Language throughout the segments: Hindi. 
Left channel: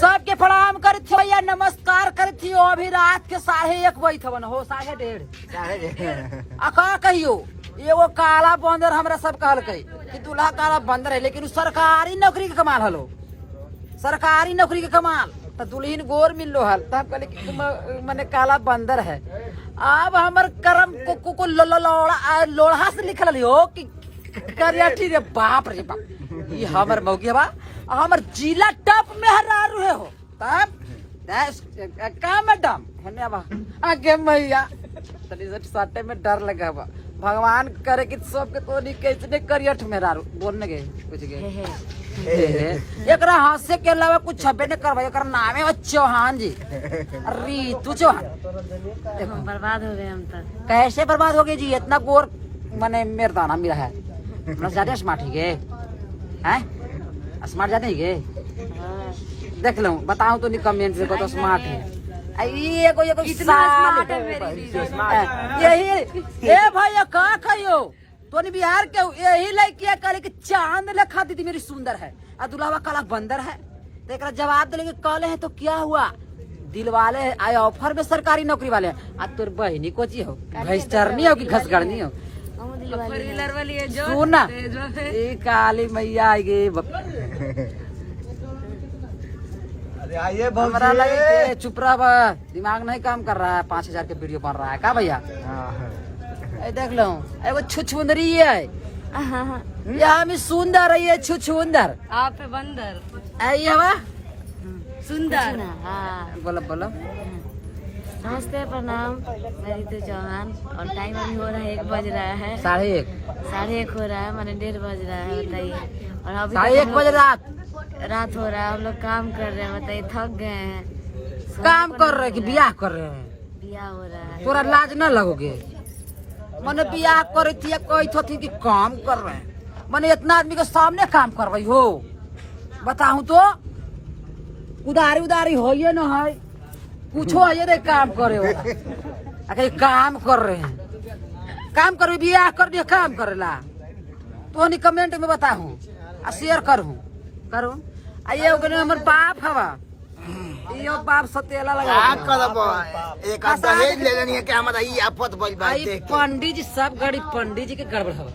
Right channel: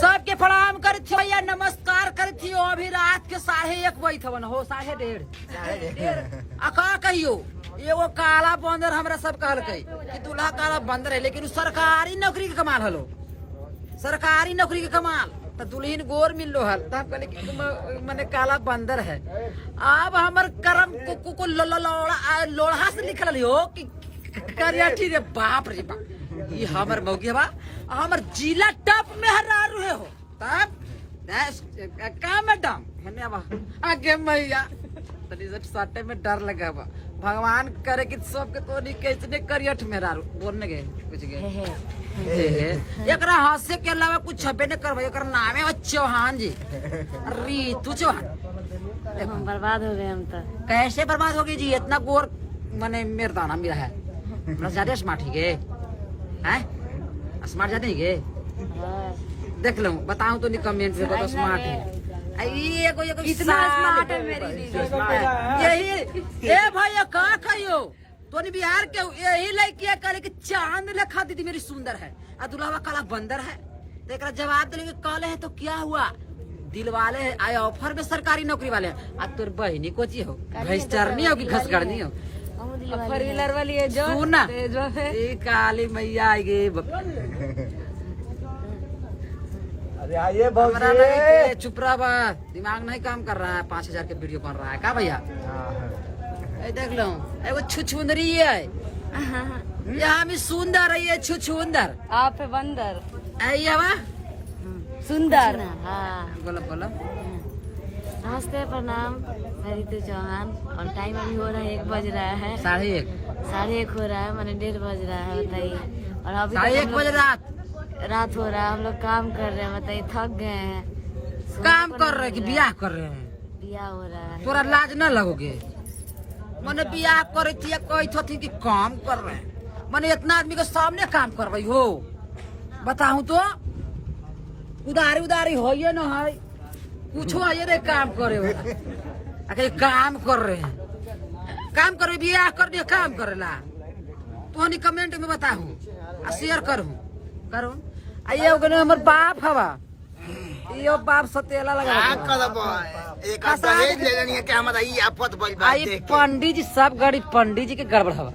सबके प्रणाम करे थी भैया, नमस्कार करे थी। अभी रात के 1:30 बजे थवन हो, 1:30 अका कहियो एगो काला बंदर हमरा सब कहल कि दूल्हा काला बंदर है, लेकिन सरकारी नौकरी के कमाल हलो, सरकारी नौकरी के कमाल। तो दुल्हन गोर मिल लो हल, तब कहले कि मने काला बंदर है। अब हमर करम को लोढ़ा से लिखल हो कि करिया ठीक है। बाप रे बाप, ये हमर मौगी बा, हमर जिला टॉप में हरारू है हो। तब का मैडम है बा आगे मैया तनी सटे में डर लगा बा। भगवान करे कि सबके तो नहीं कैसे करियठ में रारू बोलने गए कुछ गए। एकरा हास्य के अलावा कुछ छबे न करवा। एकरा नाम है चौहान जी, रीतू चौहान। हम बर्बाद हो गए हम तो। कैसे बर्बाद हो गए जी? इतना गोर मने मेरदाना मेरा है, ज्यादा स्मार्ट ही गए हैं, स्मार्ट ज्यादा ही गए। देख लो बताऊं तो नहीं कमेंट में तो स्मार्ट है। ये कितना स्मार्ट है मेरी यही ए भाई का कहियो तो बिहार के यही लड़किया करे कि चांद लखा दीदी मेरी सुंदर है और दुल्हा काला बंदर है। तो एक जवाब दिले कि कल है तो क्या हुआ, दिल वाले आए ऑफर में सरकारी नौकरी वाले। आ तोर बहनी कोची हो, घसटरनी हो कि घसगड़नी हो? सुना काली मैया आई गई। हमारा लगे चुप रहा, दिमाग नहीं काम कर रहा है। 5000 के वीडियो बन रहा है का भैया? देख लो एगो छुछुंदरी है, यहाँ में सुंदर है, ये छुछुंदर आप बंदर हवा सुंदर। बोलो बोलो। नमस्ते प्रणाम, मैं रीतू चौहान और टाइम अभी हो रहा है 1 बज रहा है। 1:30 हो रहा है, मैंने 1:30 बज रहा है बताइए। और अभी 1:30 बजे रात हो रहा है, हम लोग काम कर रहे हैं बताइए, थक गए हैं। काम कर रहे कि बियाह कर रहे हैं? बियाह हो रहा है। तोरा लाज न लगोगे? मैंने बियाह करे थी कही कि काम कर रहे हैं, मैंने इतना आदमी के सामने काम कर रही हो। बताऊं तो उदारी हो ये न है कुछ है नहीं, काम करे वाला अगर काम कर रहे हैं, काम करो बियाह कर दिया काम करेला तो नहीं कमेंट में बताऊं आ शेयर करूं आइए। हमर बाप हवा यो बाप सतेला लगा एक दहेज ले लेनी है क्या हमारा ये आफत बज बात देख के। पंडित जी सब गाड़ी पंडित जी के गड़बड़ हवा,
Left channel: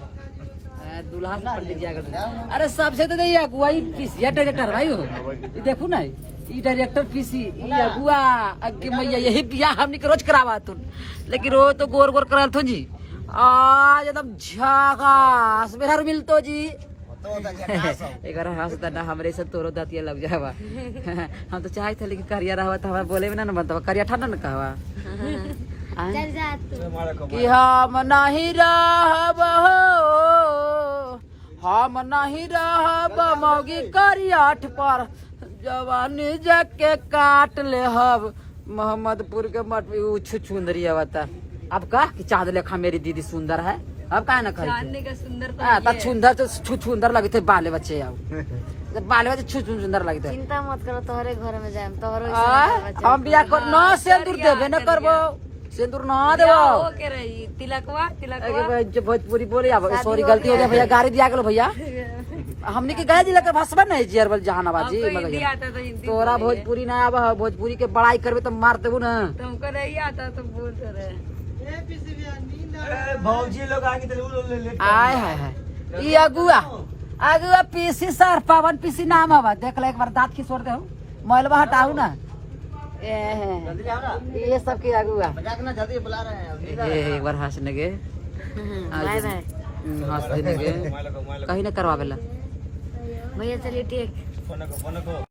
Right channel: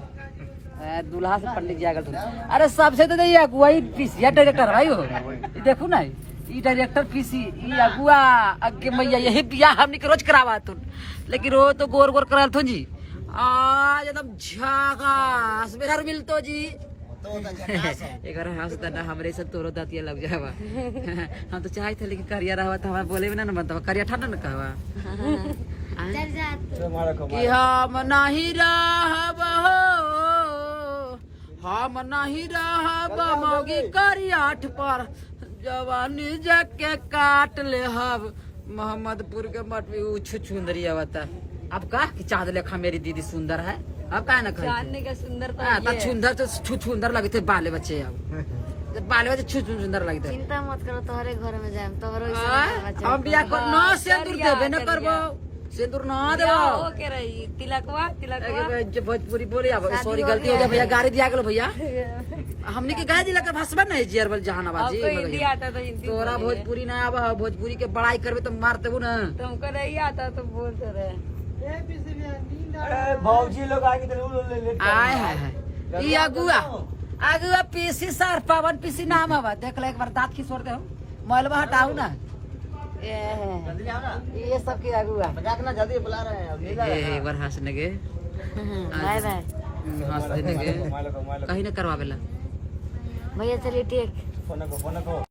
दूल्हा से पंडित जी आगल। अरे सबसे तो नहीं अगुवाई पीसीया डायरेक्टर भाई हो, देखो ना ये डायरेक्टर पीसी अगुआ अगे मैया यही बियाह हमनी के रोज करावा तुम, लेकिन रो तो गोर गोर कराल थो जी। आज एकदम झकास मेरा मिलतो जी। एक हंसता ना हमरे से तोरो दातिया लग जावा। हम तो चाहे थे लेकिन करिया रहा तो हमारा बोले भी ना बनता, करिया ठंडा न कहवा कि हम नहीं रहब हो, हम नहीं रहब मौगी करियाठ पर, जवानी जाके काट ले हब मोहम्मदपुर के मठ में छुछुंदरी आवता। अब का कि चांद लेखा मेरी दीदी सुंदर है, अब का ना कही का सुंदर सुंदर तो छुछुंदर लगे थे बाले बच्चे। अब बाले बच्चे छुछुंदर लगे थे। चिंता मत करो, तोहरे घर में जाए तोहरो हम बियाह कर न सिंदूर देबे न करबो, सिंदूर न देबो के रही तिलकवा भोजपुरी बोले। अब सॉरी गलती हो गया भैया, गाड़ी दिया गेलो भैया। हमने के गाय दिला के भाषा नहीं जियरबल जहानाबाद जी। तोरा भोजपुरी ना आवा, भोजपुरी के बड़ाई करबे तो मार देबो ना। तुमको नहीं आता तो बोलते रहे। भौजी लोग आगे तो आय है ये अगुआ पीसी सर पवन पीसी नाम हवा। देख ले एक बार दांत खिसोड़ दे, मोबाइलवा हटाऊ ना। ये सब के अगुआ जल्दी बुला रहे हैं। एक बार हंसने के बाय बाय हंस देने के कहीं ना करवावेला भैया चलिए ठीक।